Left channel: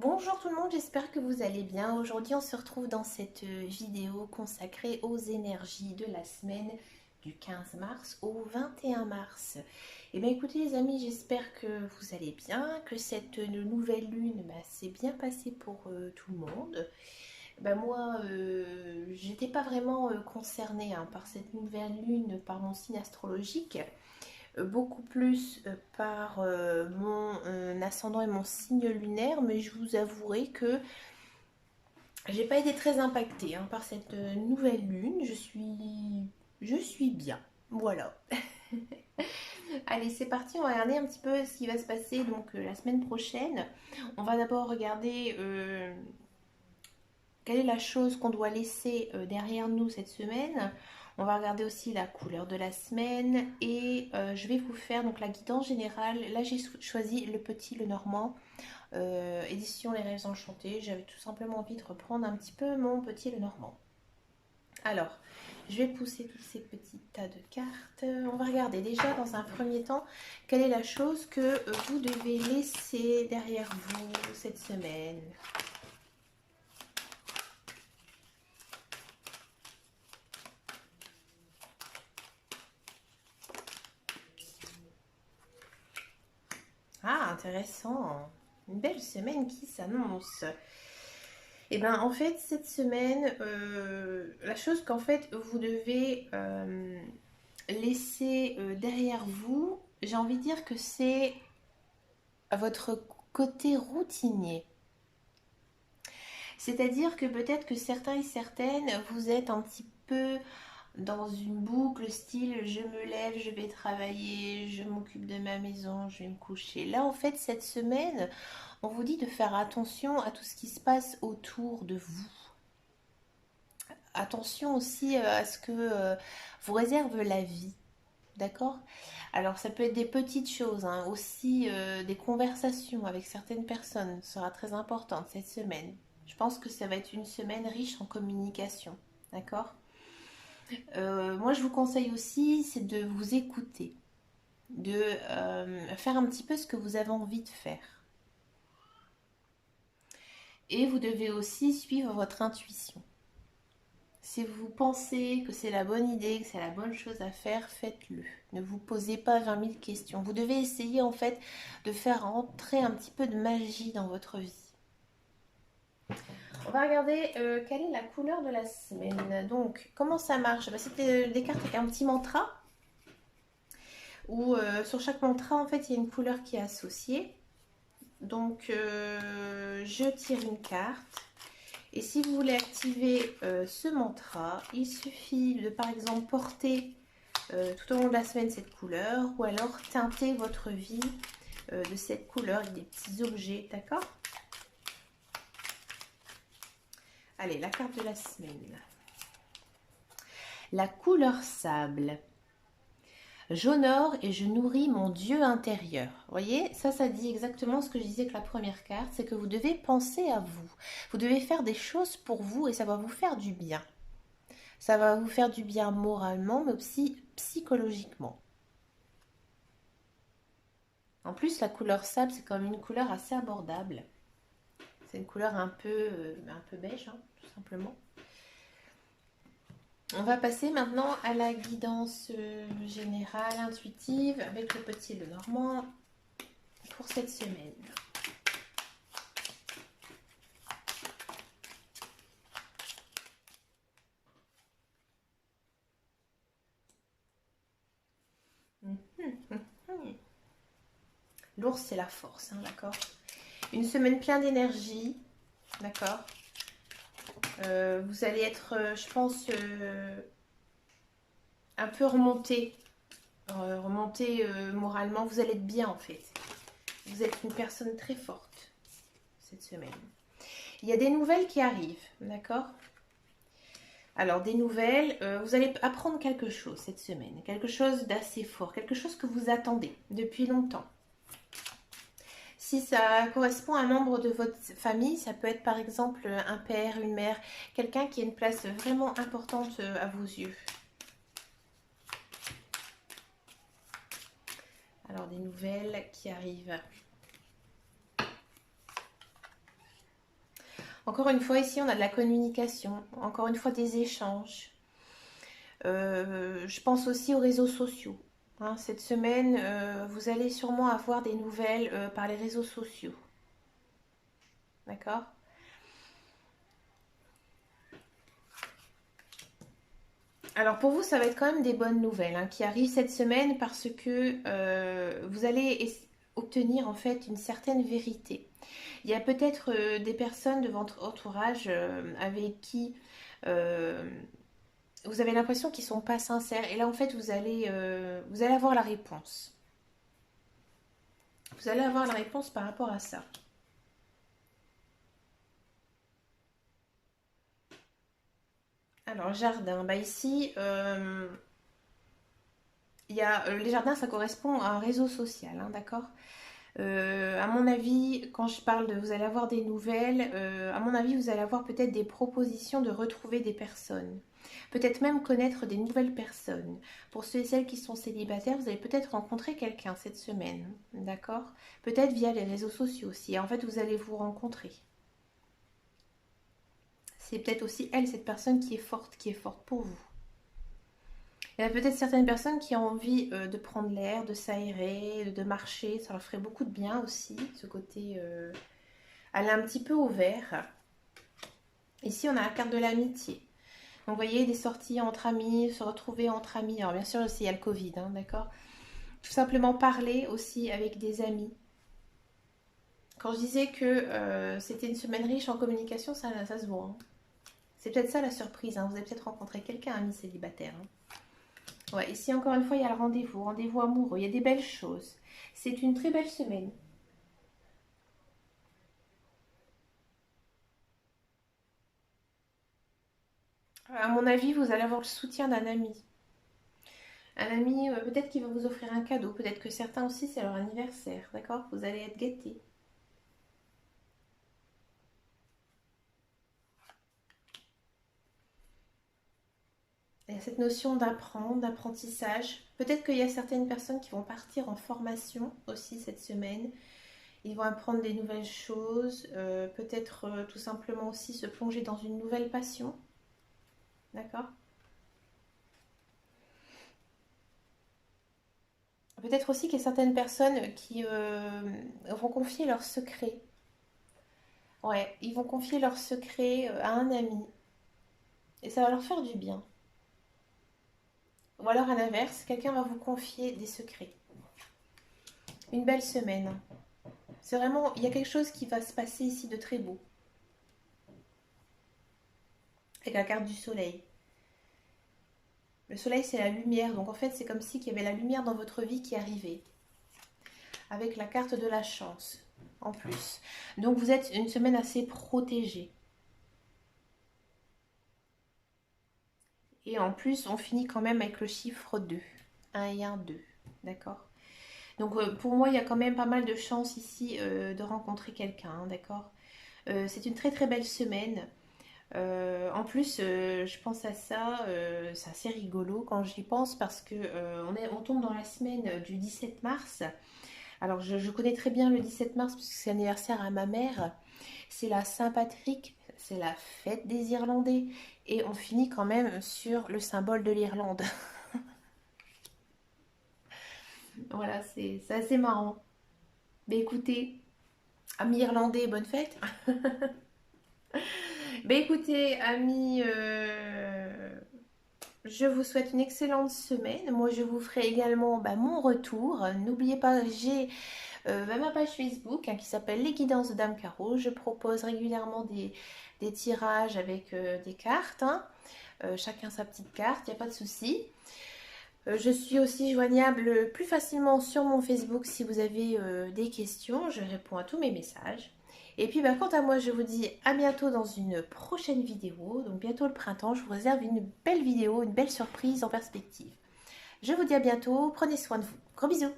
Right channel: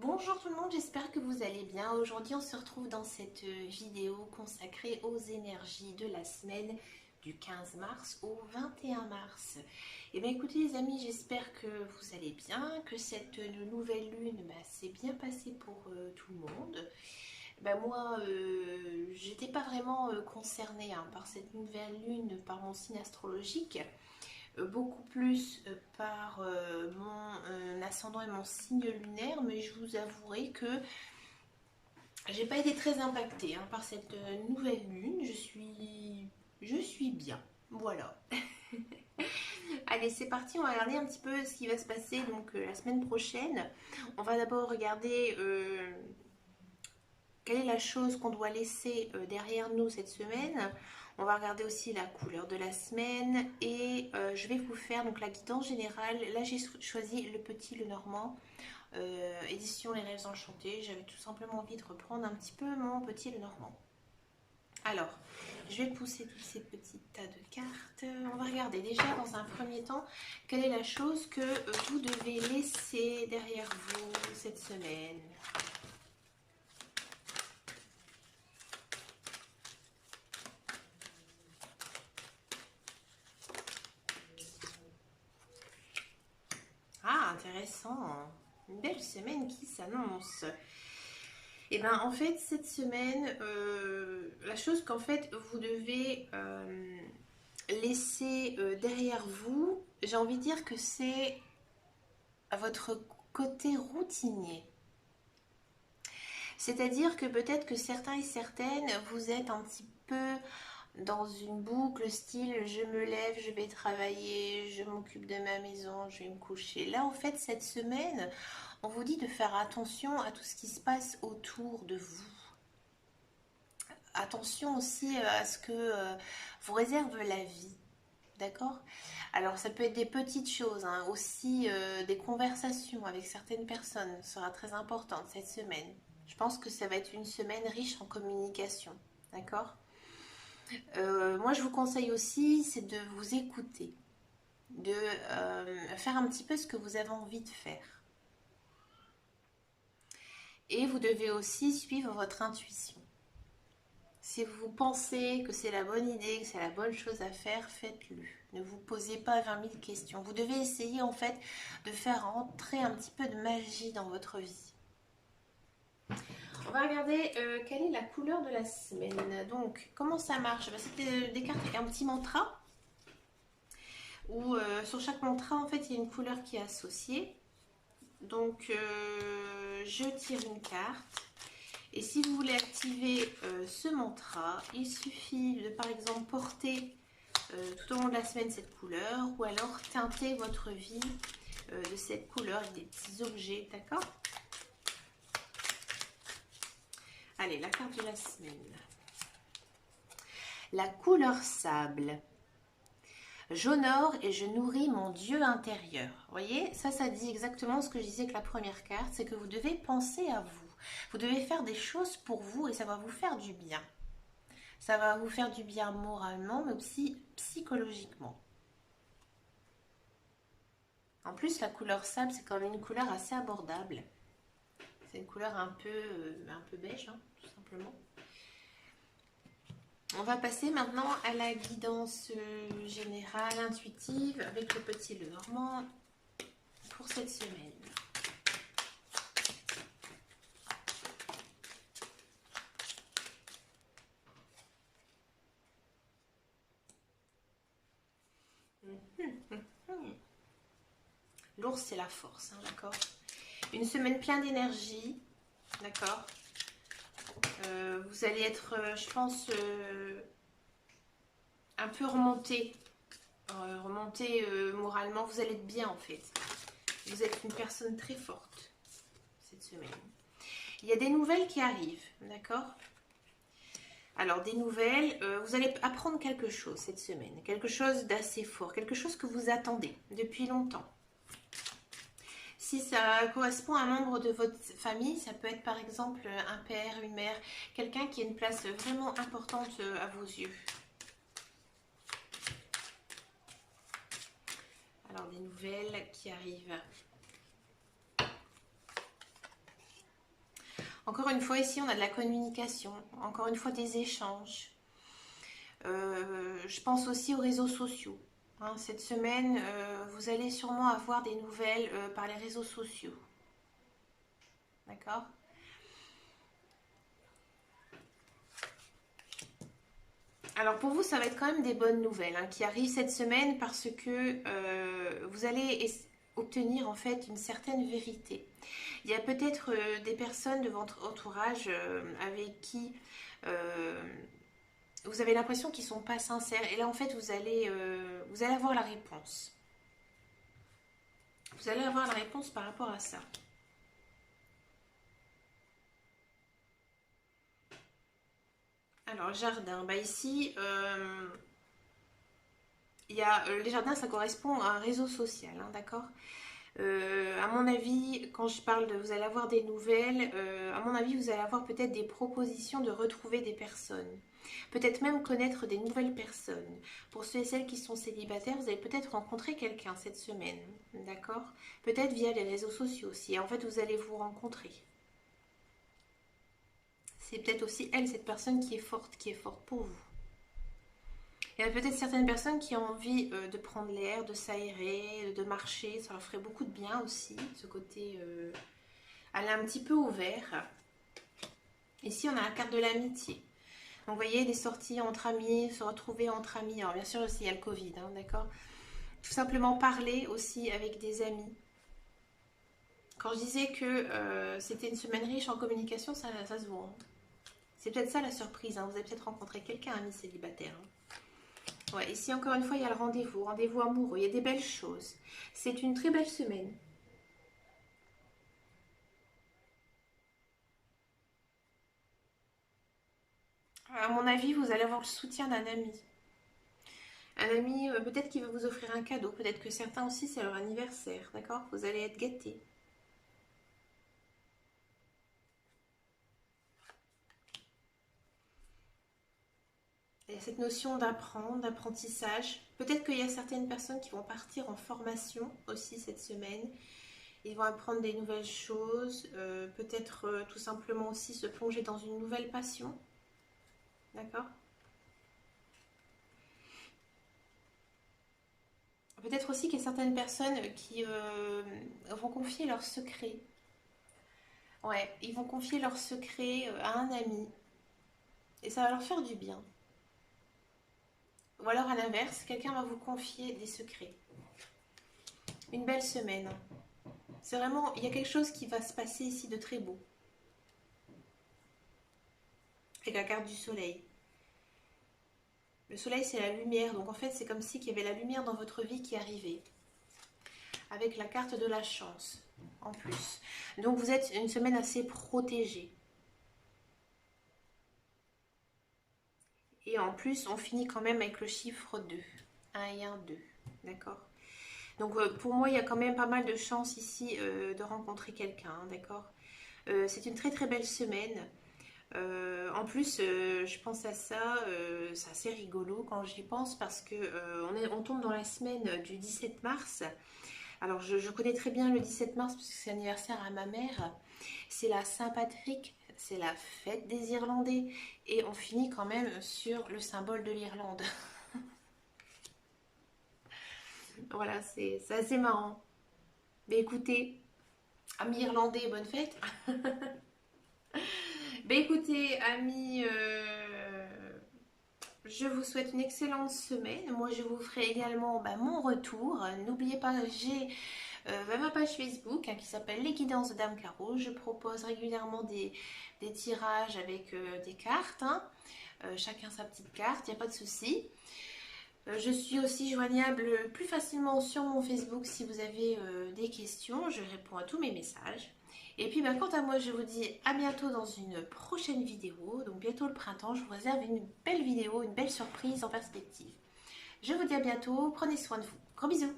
Bonjour tout le monde, j'espère que vous allez bien. Aujourd'hui, on se retrouve dans cette vidéo consacrée aux énergies de la semaine du 15 mars au 21 mars. Eh bien écoutez les amis, j'espère que vous allez bien, que cette nouvelle lune s'est bien passée pour tout le monde. Moi, j'étais pas vraiment concernée par cette nouvelle lune, par mon signe astrologique. Beaucoup plus par mon ascendant et mon signe lunaire, mais je vous avouerai que j'ai pas été très impactée par cette nouvelle lune. Je suis bien. Voilà. Allez, c'est parti. On va regarder un petit peu ce qui va se passer donc la semaine prochaine. On va d'abord regarder quelle est la chose qu'on doit laisser derrière nous cette semaine. On va regarder aussi la couleur de la semaine et je vais vous faire donc la guidance générale. Là, j'ai choisi le petit, le normand, édition Les Rêves Enchantés. J'avais tout simplement envie de reprendre un petit peu mon petit, le normand. Alors, je vais pousser tous ces petits tas de cartes. On va regarder déjà dans un premier temps quelle est la chose que vous devez laisser derrière vous cette semaine. Ah, intéressant. Une belle semaine qui s'annonce. Et bien, en fait, cette semaine, la chose qu'en fait, vous devez laisser derrière vous, j'ai envie de dire que c'est votre côté routinier. C'est-à-dire que peut-être que certains et certaines, vous êtes un petit peu dans une boucle style je me lève, je vais travailler, je m'occupe de ma maison, je vais me coucher. Là, en fait, cette semaine, on vous dit de faire attention à tout ce qui se passe autour de vous. Attention aussi à ce que vous réserve la vie. D'accord? Alors, ça peut être des petites choses, aussi des conversations avec certaines personnes sera très importante cette semaine. Je pense que ça va être une semaine riche en communication. D'accord? Moi, je vous conseille aussi, c'est de vous écouter, de faire un petit peu ce que vous avez envie de faire. Et vous devez aussi suivre votre intuition. Si vous pensez que c'est la bonne idée, que c'est la bonne chose à faire, faites-le. Ne vous posez pas 20 000 questions. Vous devez essayer en fait de faire entrer un petit peu de magie dans votre vie. On va regarder quelle est la couleur de la semaine. Donc, comment ça marche? C'est des cartes avec un petit mantra. Où sur chaque mantra, en fait, il y a une couleur qui est associée. Donc, je tire une carte. Et si vous voulez activer ce mantra, il suffit de, par exemple, porter tout au long de la semaine cette couleur ou alors teinter votre vie de cette couleur avec des petits objets, d'accord? Allez, la carte de la semaine. La couleur sable. J'honore et je nourris mon Dieu intérieur. Vous voyez, ça dit exactement ce que je disais avec la première carte, c'est que vous devez penser à vous. Vous devez faire des choses pour vous et ça va vous faire du bien. Ça va vous faire du bien moralement, mais aussi psychologiquement. En plus, la couleur sable, c'est quand même une couleur assez abordable. C'est une couleur un peu beige, tout simplement. On va passer maintenant à la guidance générale, intuitive, avec le petit et le normand pour cette semaine. L'ours, c'est la force, d'accord? Une semaine pleine d'énergie, d'accord? Vous allez être, je pense, un peu remonté moralement. Vous allez être bien, en fait. Vous êtes une personne très forte cette semaine. Il y a des nouvelles qui arrivent, d'accord? Alors, des nouvelles, vous allez apprendre quelque chose cette semaine. Quelque chose d'assez fort, quelque chose que vous attendez depuis longtemps. Si ça correspond à un membre de votre famille, ça peut être par exemple un père, une mère, quelqu'un qui a une place vraiment importante à vos yeux. Alors, des nouvelles qui arrivent. Encore une fois, ici, on a de la communication, encore une fois, des échanges. Je pense aussi aux réseaux sociaux. Hein. Cette semaine, vous allez sûrement avoir des nouvelles par les réseaux sociaux. D'accord? Alors pour vous, ça va être quand même des bonnes nouvelles hein, qui arrivent cette semaine parce que vous allez obtenir en fait une certaine vérité. Il y a peut-être des personnes de votre entourage avec qui euh, vous avez l'impression qu'ils ne sont pas sincères. Et là, en fait, vous allez avoir la réponse. Vous allez avoir la réponse par rapport à ça. Alors, jardin. Bah ici, il y a, les jardins, ça correspond à un réseau social, hein, d'accord. À mon avis, quand je parle de vous allez avoir des nouvelles, à mon avis, vous allez avoir peut-être des propositions de retrouver des personnes. Peut-être même connaître des nouvelles personnes. Pour ceux et celles qui sont célibataires, vous allez peut-être rencontrer quelqu'un cette semaine, d'accord? Peut-être via les réseaux sociaux aussi. En fait, vous allez vous rencontrer. C'est peut-être aussi elle, cette personne qui est forte pour vous. Il y a peut-être certaines personnes qui ont envie de prendre l'air, de s'aérer, de marcher. Ça leur ferait beaucoup de bien aussi, ce côté aller un petit peu au vert. Ici, on a la carte de l'amitié. Donc, vous voyez, des sorties entre amis, se retrouver entre amis. Alors, bien sûr, aussi, il y a le Covid, hein, d'accord? Tout simplement parler aussi avec des amis. Quand je disais que c'était une semaine riche en communication, ça se voit. Hein. C'est peut-être ça la surprise. Hein. Vous avez peut-être rencontré quelqu'un, ami célibataire. Hein. Ouais, ici encore une fois, il y a le rendez-vous, rendez-vous amoureux, il y a des belles choses. C'est une très belle semaine. À mon avis, vous allez avoir le soutien d'un ami. Un ami, peut-être qui va vous offrir un cadeau, peut-être que certains aussi, c'est leur anniversaire, d'accord? Vous allez être gâtés. Il y a cette notion d'apprendre, d'apprentissage. Peut-être qu'il y a certaines personnes qui vont partir en formation aussi cette semaine. Ils vont apprendre des nouvelles choses, peut-être tout simplement aussi se plonger dans une nouvelle passion, d'accord? Peut-être aussi qu'il y a certaines personnes qui vont confier leurs secrets. Ouais, ils vont confier leurs secrets à un ami et ça va leur faire du bien. Ou alors à l'inverse, quelqu'un va vous confier des secrets. Une belle semaine. C'est vraiment, il y a quelque chose qui va se passer ici de très beau. Avec la carte du soleil. Le soleil, c'est la lumière. Donc en fait, c'est comme si il y avait la lumière dans votre vie qui arrivait. Avec la carte de la chance, en plus. Donc vous êtes une semaine assez protégée. Et en plus, on finit quand même avec le chiffre 2. 1 et 1, 2. D'accord? Donc pour moi, il y a quand même pas mal de chances ici de rencontrer quelqu'un. Hein, d'accord? C'est une très très belle semaine. En plus, je pense à ça, c'est assez rigolo quand j'y pense parce que on tombe dans la semaine du 17 mars. Alors je connais très bien le 17 mars parce que c'est l'anniversaire à ma mère. C'est la Saint-Patrick, c'est la fête des Irlandais. Et on finit quand même sur le symbole de l'Irlande. Voilà, c'est assez marrant. Mais écoutez, amis irlandais, bonne fête. Ben écoutez, amis, je vous souhaite une excellente semaine. Moi, je vous ferai également mon retour. N'oubliez pas, j'ai ma page Facebook hein, qui s'appelle Les Guidances de Dame Caro. Je propose régulièrement des tirages avec des cartes. Hein. Chacun sa petite carte, il n'y a pas de souci. Je suis aussi joignable plus facilement sur mon Facebook si vous avez des questions. Je réponds à tous mes messages. Et puis quant à moi, je vous dis à bientôt dans une prochaine vidéo. Donc bientôt le printemps, je vous réserve une belle vidéo, une belle surprise en perspective. Je vous dis à bientôt, prenez soin de vous. Gros bisous.